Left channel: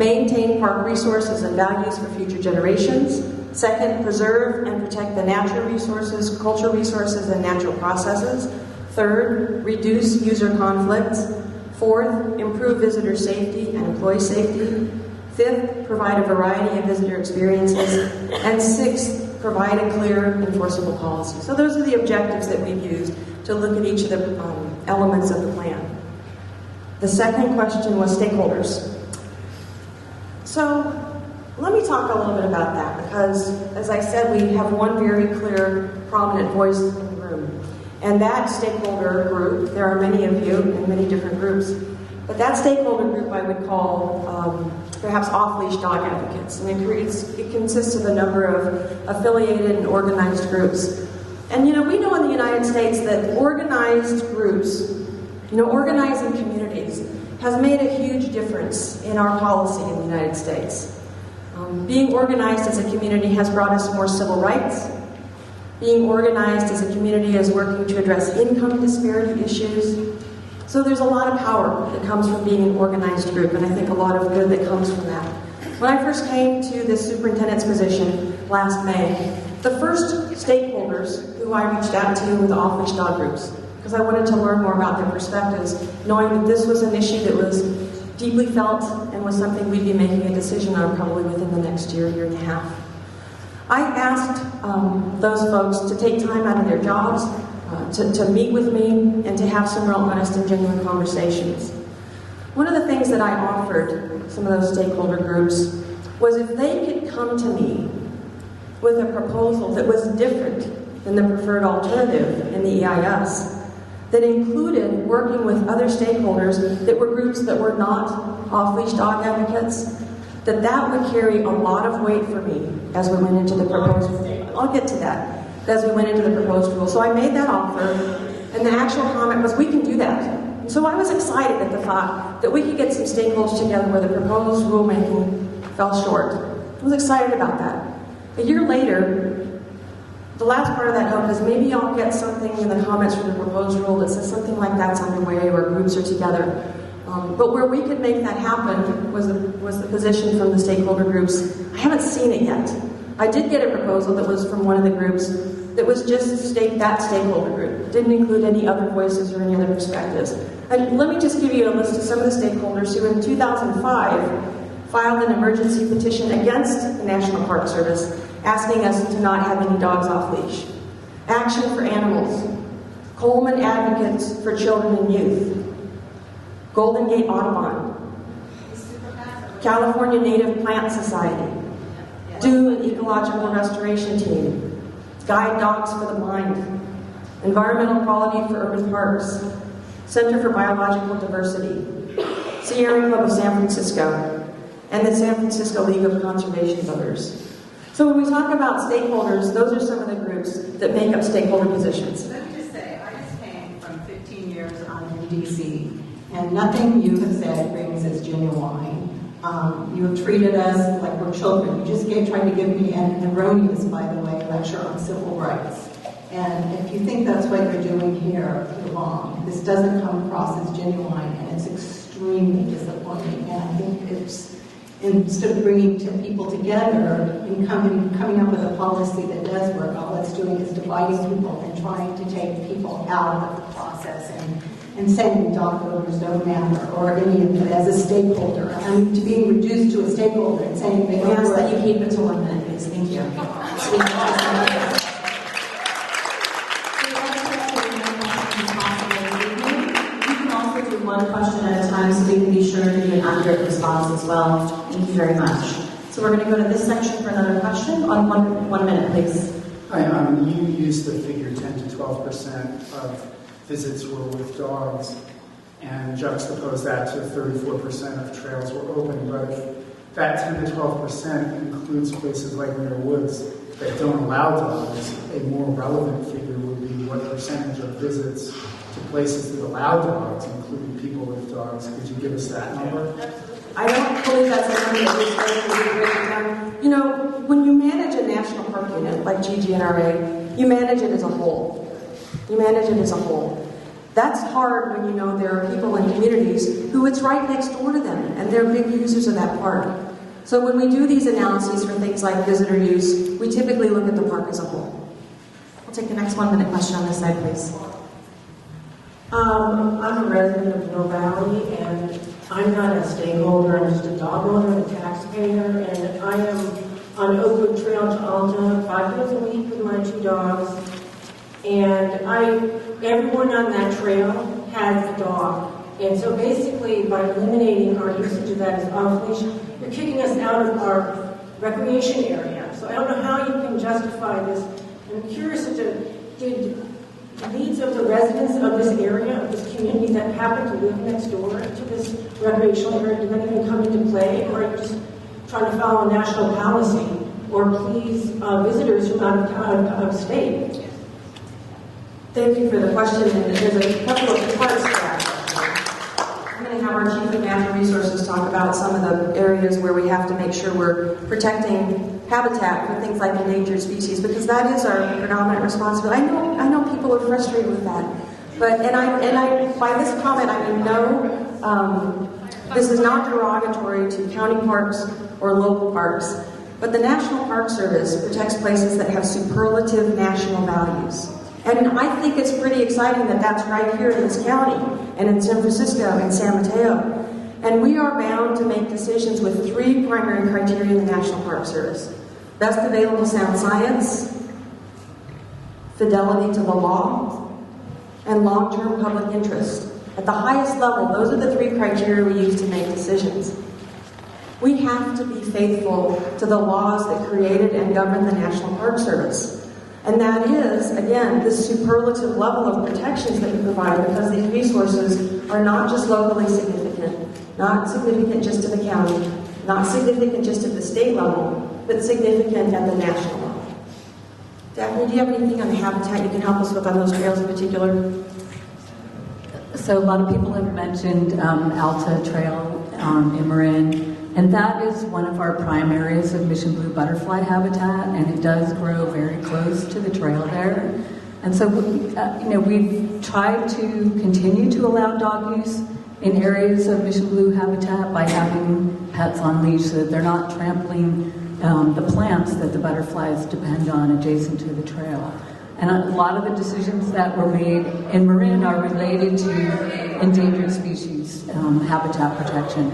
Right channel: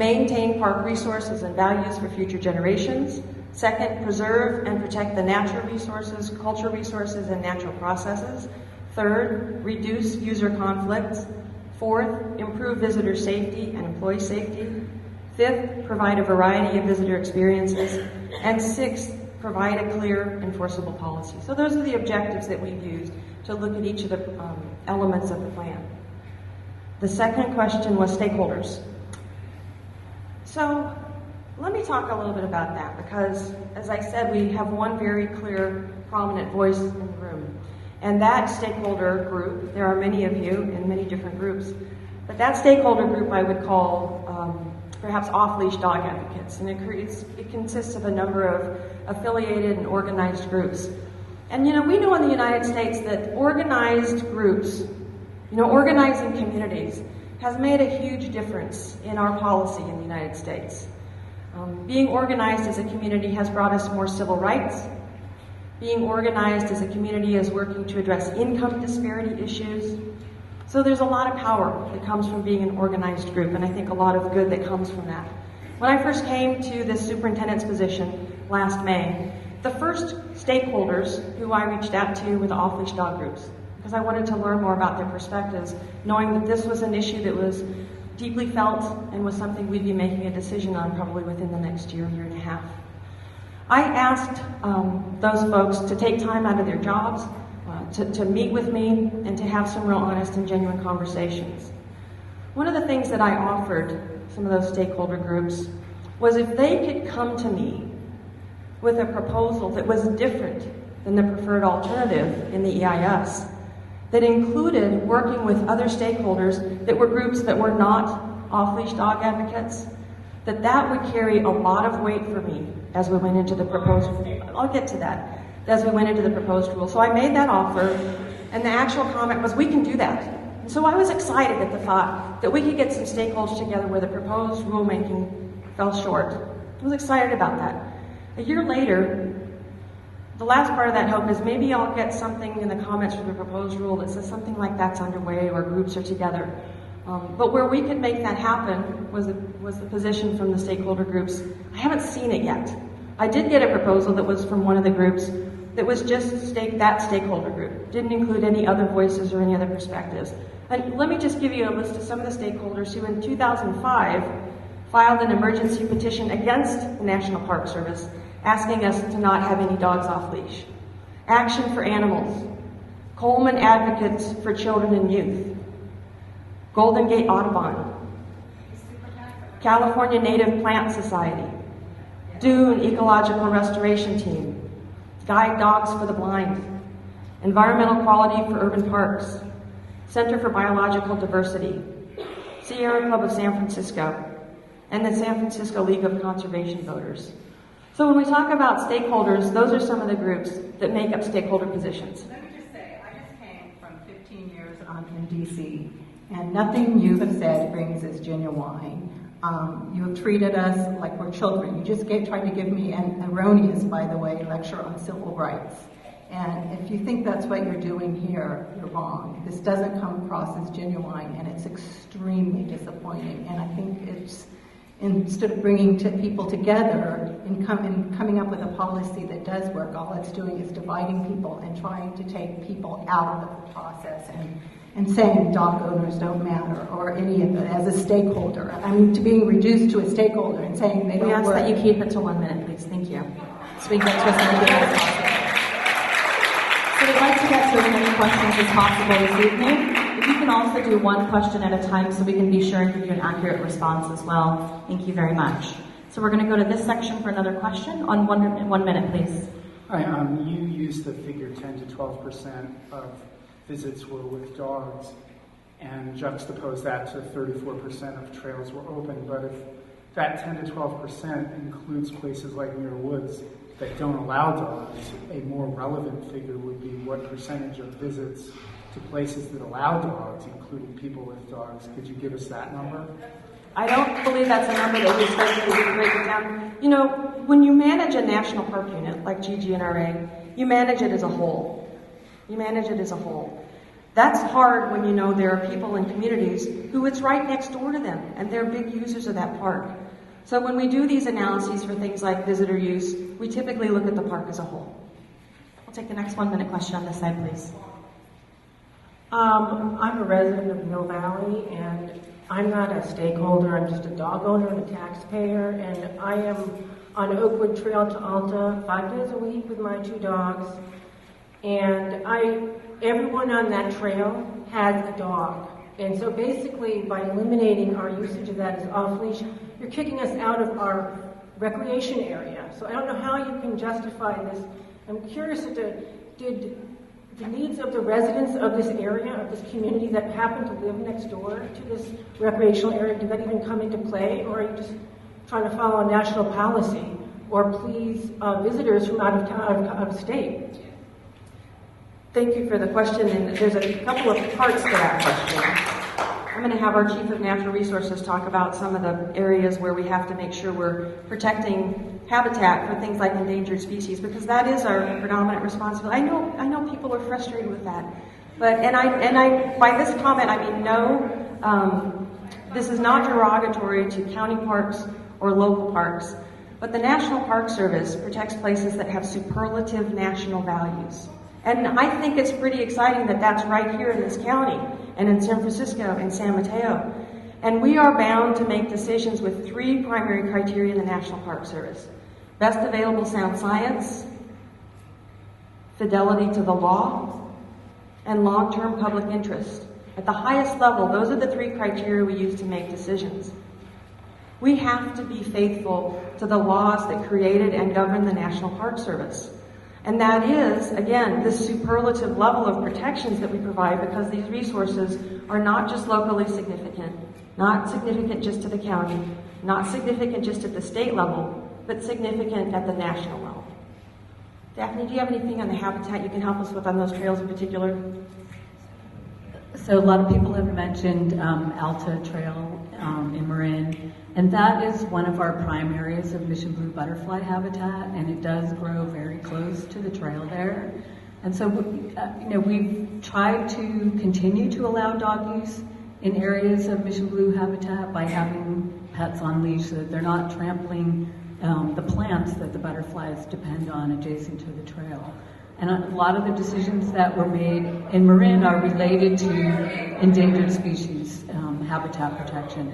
maintain park resources and values for future generations. Second, preserve and protect the natural resources, cultural resources, and natural processes. Third, reduce user conflicts. Fourth, improve visitor safety and employee safety. Fifth, provide a variety of visitor experiences. And sixth, provide a clear, enforceable policy. So those are the objectives that we've used to look at each of the elements of the plan. The second question was stakeholders. So let me talk a little bit about that, because as I said, we have one very clear, prominent voice in the room. And that stakeholder group, there are many of you in many different groups, but that stakeholder group I would call perhaps off-leash dog advocates. And it consists of a number of affiliated and organized groups. And you know, we know in the United States that organized groups, you know, organizing communities has made a huge difference in our policy in the United States. Being organized as a community has brought us more civil rights. Being organized as a community is working to address income disparity issues. So there's a lot of power that comes from being an organized group, and I think a lot of good that comes from that. When I first came to this superintendent's position last May, the first stakeholders who I reached out to were the off-leash dog groups, because I wanted to learn more about their perspectives, knowing that this was an issue that was deeply felt and was something we'd be making a decision on probably within the next year, year and a half. I asked those folks to take time out of their jobs, to meet with me, and to have some real honest and genuine conversations. One of the things that I offered some of those stakeholder groups was if they could come to me with a proposal that was different than the preferred alternative in the EIS, that included working with other stakeholders that were groups that were not off-leash dog advocates, that would carry a lot of weight for me as we went into the proposed rule. I'll get to that. As we went into the proposed rule. So I made that offer, and the actual comment was, we can do that. And so I was excited at the thought that we could get some stakeholders together where the proposed rulemaking fell short. I was excited about that. A year later, the last part of that hope is maybe I'll get something in the comments from the proposed rule that says something like that's underway or groups are together. But where we could make that happen was the position from the stakeholder groups. I haven't seen it yet. I did get a proposal that was from one of the groups that was just that stakeholder group. Didn't include any other voices or any other perspectives. And let me just give you a list of some of the stakeholders who in 2005 filed an emergency petition against the National Park Service, asking us to not have any dogs off leash. Action for Animals, Coleman Advocates for Children and Youth, Golden Gate Audubon, California Native Plant Society, Dune Ecological Restoration Team, Guide Dogs for the Blind, Environmental Quality for Urban Parks, Center for Biological Diversity, Sierra Club of San Francisco, and the San Francisco League of Conservation Voters. So when we talk about stakeholders, those are some of the groups that make up stakeholder positions. Let me just say, I just came from 15 years on in DC, and nothing you have said rings as genuine. You have treated us like we're children. You just tried to give me an erroneous, by the way, lecture on civil rights. And if you think that's what you're doing here, you're wrong. This doesn't come across as genuine, and it's extremely disappointing. And I think it's, instead of bringing people together and coming up with a policy that does work, all it's doing is dividing people and trying to take people out of the process and saying dog owners don't matter or any of it as a stakeholder. I mean, to being reduced to a stakeholder and saying they don't work. We ask that you keep it to 1 minute, please. Thank you. So we get to as many as possible. So we'd like to get to as many questions as possible this evening. If you can also do one question at a time so we can be sure and give you an accurate response as well. Thank you very much. So we're going to go to this section for another question. On 1 minute, please. Hi, you used the figure 10 to 12% of visits were with dogs, and juxtapose that to 34% of trails were open. But if that 10 to 12% includes places like Muir Woods that don't allow dogs, a more relevant figure would be what percentage of visits to places that allow dogs, including people with dogs. Could you give us that number? I don't believe that's a number that we started to break it down. You know, when you manage a national park unit like GGNRA, you manage it as a whole. You manage it as a whole. That's hard when you know there are people in communities who it's right next door to them, and they're big users of that park. So when we do these analyses for things like visitor use, we typically look at the park as a whole. We'll take the next 1-minute question on this side, please. I'm a resident of Mill Valley, and I'm not a stakeholder, I'm just a dog owner and a taxpayer, and I am on Oakwood Trail to Alta 5 days a week with my 2 dogs, and everyone on that trail has a dog, and so basically by eliminating our usage of that as off-leash, you're kicking us out of our recreation area. So I don't know how you can justify this. I'm curious as to, did the needs of the residents of this area, of this community that happen to live next door to this recreational area, did that even come into play? Or are you just trying to follow a national policy or please visitors from out of state? Thank you for the question, and there's a couple of parts to that question. I'm going to have our Chief of Natural Resources talk about some of the areas where we have to make sure we're protecting habitat for things like endangered species, because that is our predominant responsibility. I know people are frustrated with that, but and I by this comment I mean no, this is not derogatory to county parks or local parks, but the National Park Service protects places that have superlative national values. And I think it's pretty exciting that that's right here in this county, and in San Francisco and San Mateo. And we are bound to make decisions with 3 primary criteria in the National Park Service: best available sound science, fidelity to the law, and long-term public interest. At the highest level, those are the 3 criteria we use to make decisions. We have to be faithful to the laws that created and govern the National Park Service. And that is, again, the superlative level of protections that we provide, because these resources are not just locally significant, not significant just to the county, not significant just at the state level, but significant at the national level. Daphne, do you have anything on the habitat you can help us with on those trails in particular? So a lot of people have mentioned Alta Trail in Marin, and that is one of our prime areas of mission blue butterfly habitat, and it does grow very close to the trail there. And so, we've tried to continue to allow dog use in areas of mission blue habitat by having pets on leash so that they're not trampling the plants that the butterflies depend on adjacent to the trail. And a lot of the decisions that were made in Marin are related to endangered species habitat protection.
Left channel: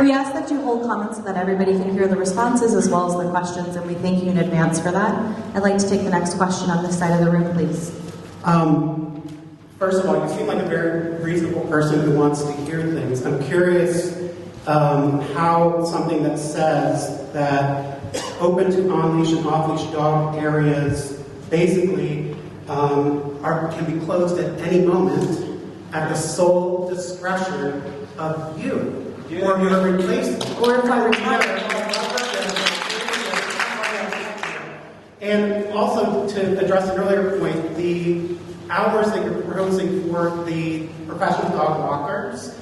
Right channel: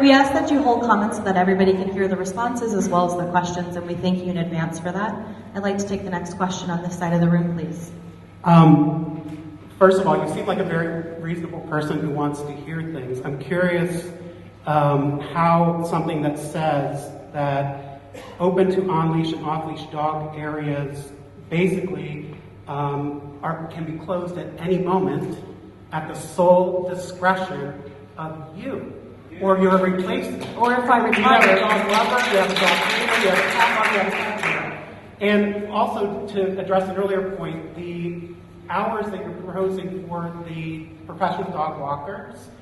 We ask that you hold comments so that everybody can hear the responses as well as the questions, and we thank you in advance for that. I'd like to take the next question on this side of the room, please. First of all, you seem like a very reasonable person who wants to hear things. I'm curious how something that says that open to on-leash and off-leash dog areas basically can be closed at any moment at the sole discretion of you or your replacement. Or if I retire. And also, to address an earlier point, the hours that you're proposing for the professional dog walkers,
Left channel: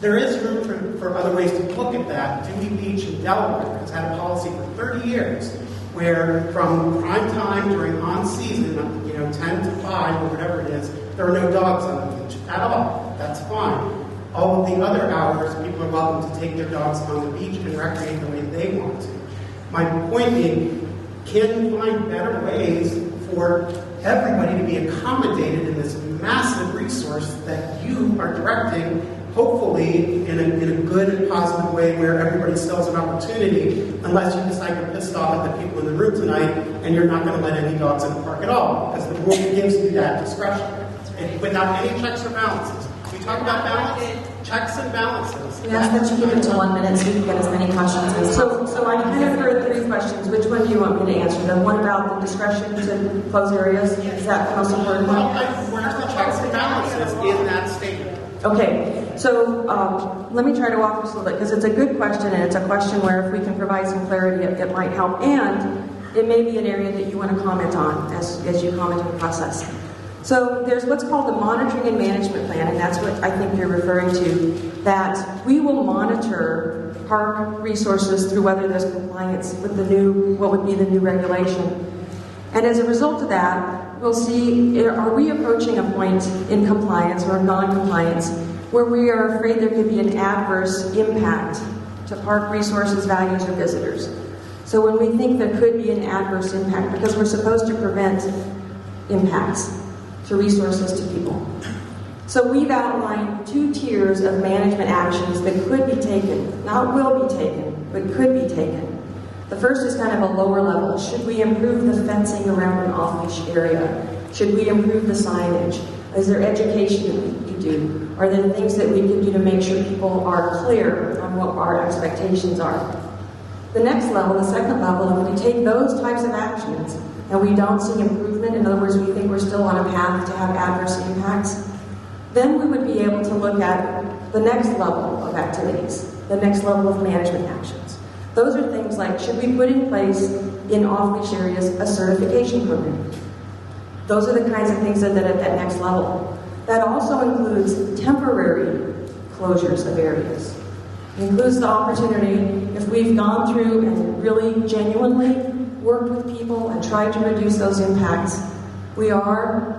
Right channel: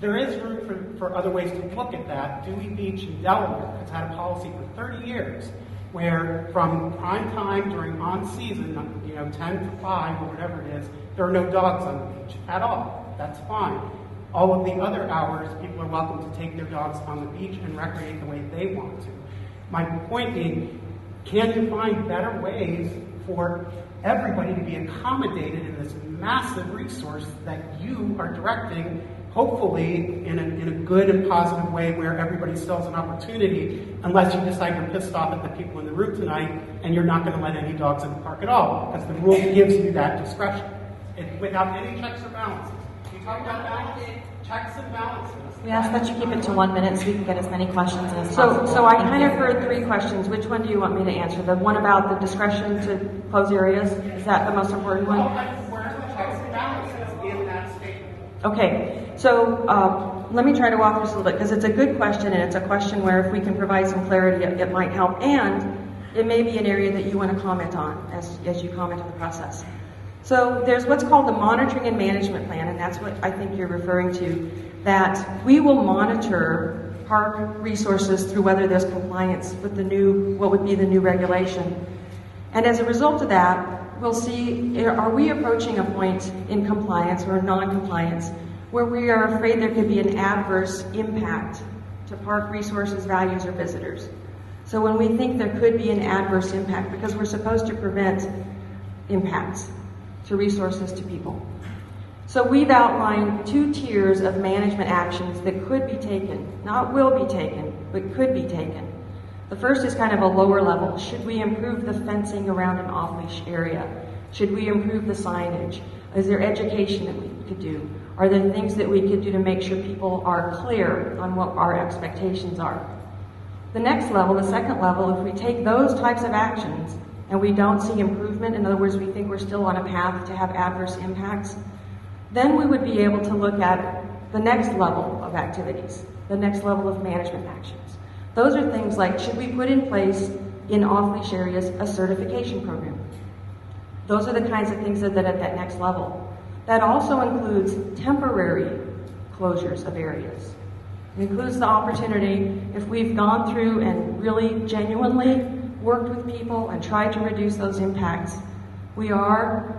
there is room for other ways to look at that. Dewey Beach in Delaware has had a policy for 30 years where from prime time during on-season, 10 to 5 or whatever it is, there are no dogs on the beach at all. That's fine. All of the other hours, people are welcome to take their dogs on the beach and recreate the way they want to. My point being, can you find better ways for everybody to be accommodated in this massive resource that you are directing, hopefully in a good and positive way where everybody still has an opportunity, unless you decide you're pissed off at the people in the room tonight and you're not going to let any dogs in the park at all, because the rule gives you that discretion. And without any checks or balances. We talk about balance, checks and balances. We ask that you keep it to 1 minute so we can get as many questions as possible. So I kind of heard 3 questions. Which one do you want me to answer? The one about the discretion to close areas? Is that the most important one? Where's the checks and balances in that statement? Okay, so let me try to walk this a little bit, because it's a good question, and it's a question where if we can provide some clarity, it might help. And it may be an area that you want to comment on as you comment on the process. So there's what's called the monitoring and management plan, and that's what I think you're referring to, that we will monitor park resources through whether there's compliance with the new, what would be the new regulation. And as a result of that, we'll see, are we approaching a point in compliance or non-compliance where we are afraid there could be an adverse impact to park resources, values, or visitors. So when we think there could be an adverse impact, because we're supposed to prevent impacts to resources, to people. So we've outlined 2 tiers of management actions that could be taken, not will be taken, but could be taken. The first is kind of a lower level. Should we improve the fencing around an off-leash area? Should we improve the signage? Is there education that we could do? Are there things that we could do to make sure people are clear on what our expectations are? The next level, the second level, if we take those types of actions and we don't see improvement, in other words, we think we're still on a path to have adverse impacts, then we would be able to look at the next level of activities, the next level of management actions. Those are things like, should we put in place in off-leash areas a certification program? Those are the kinds of things that are at that next level. That also includes temporary closures of areas. It includes the opportunity, if we've gone through and really genuinely worked with people and tried to reduce those impacts, we are,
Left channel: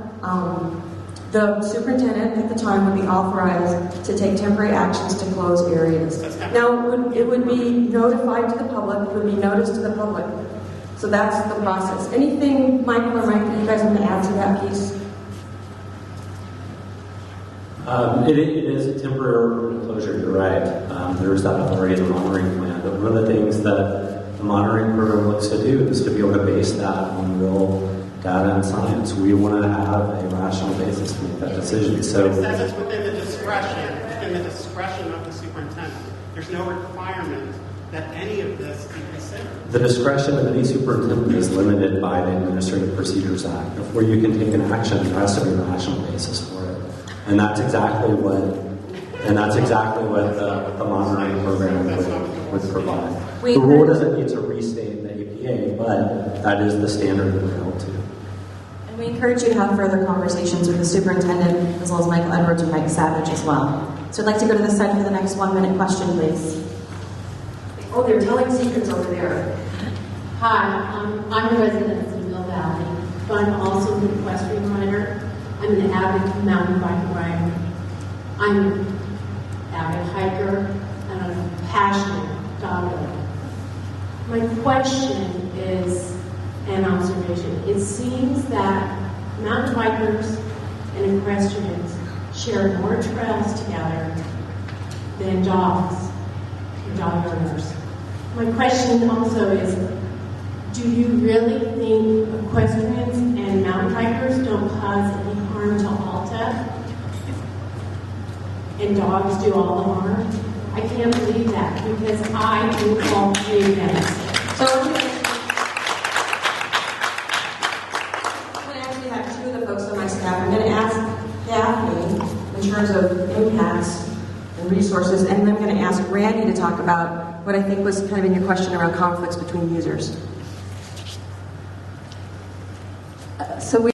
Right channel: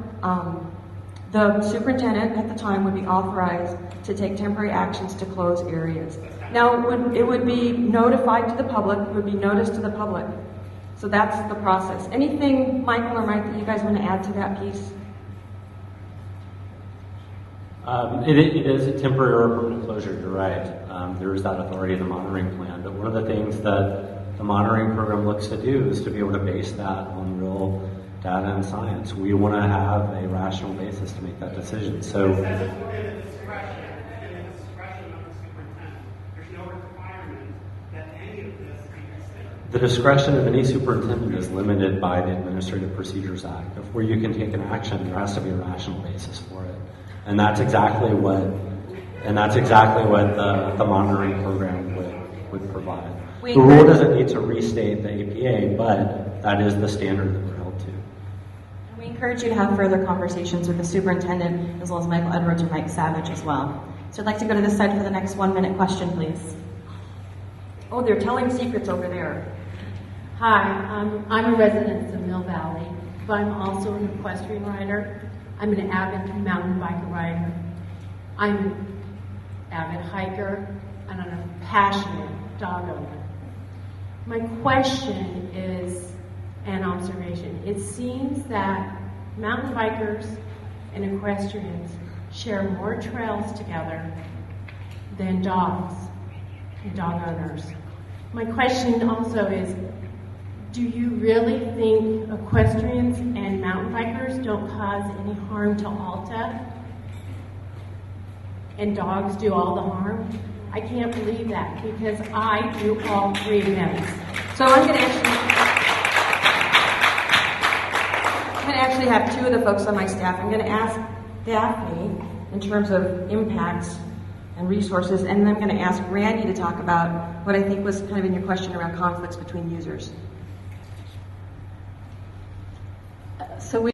the superintendent at the time would be authorized to take temporary actions to close areas. Now, it would be notified to the public, it would be noticed to the public. So that's the process. Anything, Michael or Mike, that you guys want to add to that piece? It is a temporary or permanent closure, you're right. There is that already in the monitoring plan. But one of the things that the monitoring program looks to do is to be able to base that on real data and science. We want to have a rational basis to make that decision. So it says it's within the discretion of the superintendent. There's no requirement that any of this be considered. the discretion of any superintendent is limited by the Administrative Procedures Act. Before you can take an action, there has to be a rational basis for it. And that's exactly what the monitoring program would provide. The rule doesn't need to restate the APA, but that is the standard that we're held to. And we encourage you to have further conversations with the superintendent, as well as Michael Edwards or Mike Savage as well. So I'd like to go to this side for the next 1-minute question, please. Oh, they're telling secrets over there. Hi, I'm a resident of Mill Valley, but I'm also an equestrian rider. I'm an avid mountain bike rider. I'm an avid hiker, and I'm a passionate dog owner. My question is an observation. It seems that mountain bikers and equestrians share more trails together than dogs and dog owners. My question also is, do you really think equestrians and mountain bikers don't cause any harm to Alta? And dogs do all the harm? I can't believe that, because I do all three events. So I'm going to actually have two of the folks on my staff. I'm going to ask Daphne in terms of impacts and resources, and then I'm going to ask Randy to talk about what I think was kind of in your question around conflicts between users.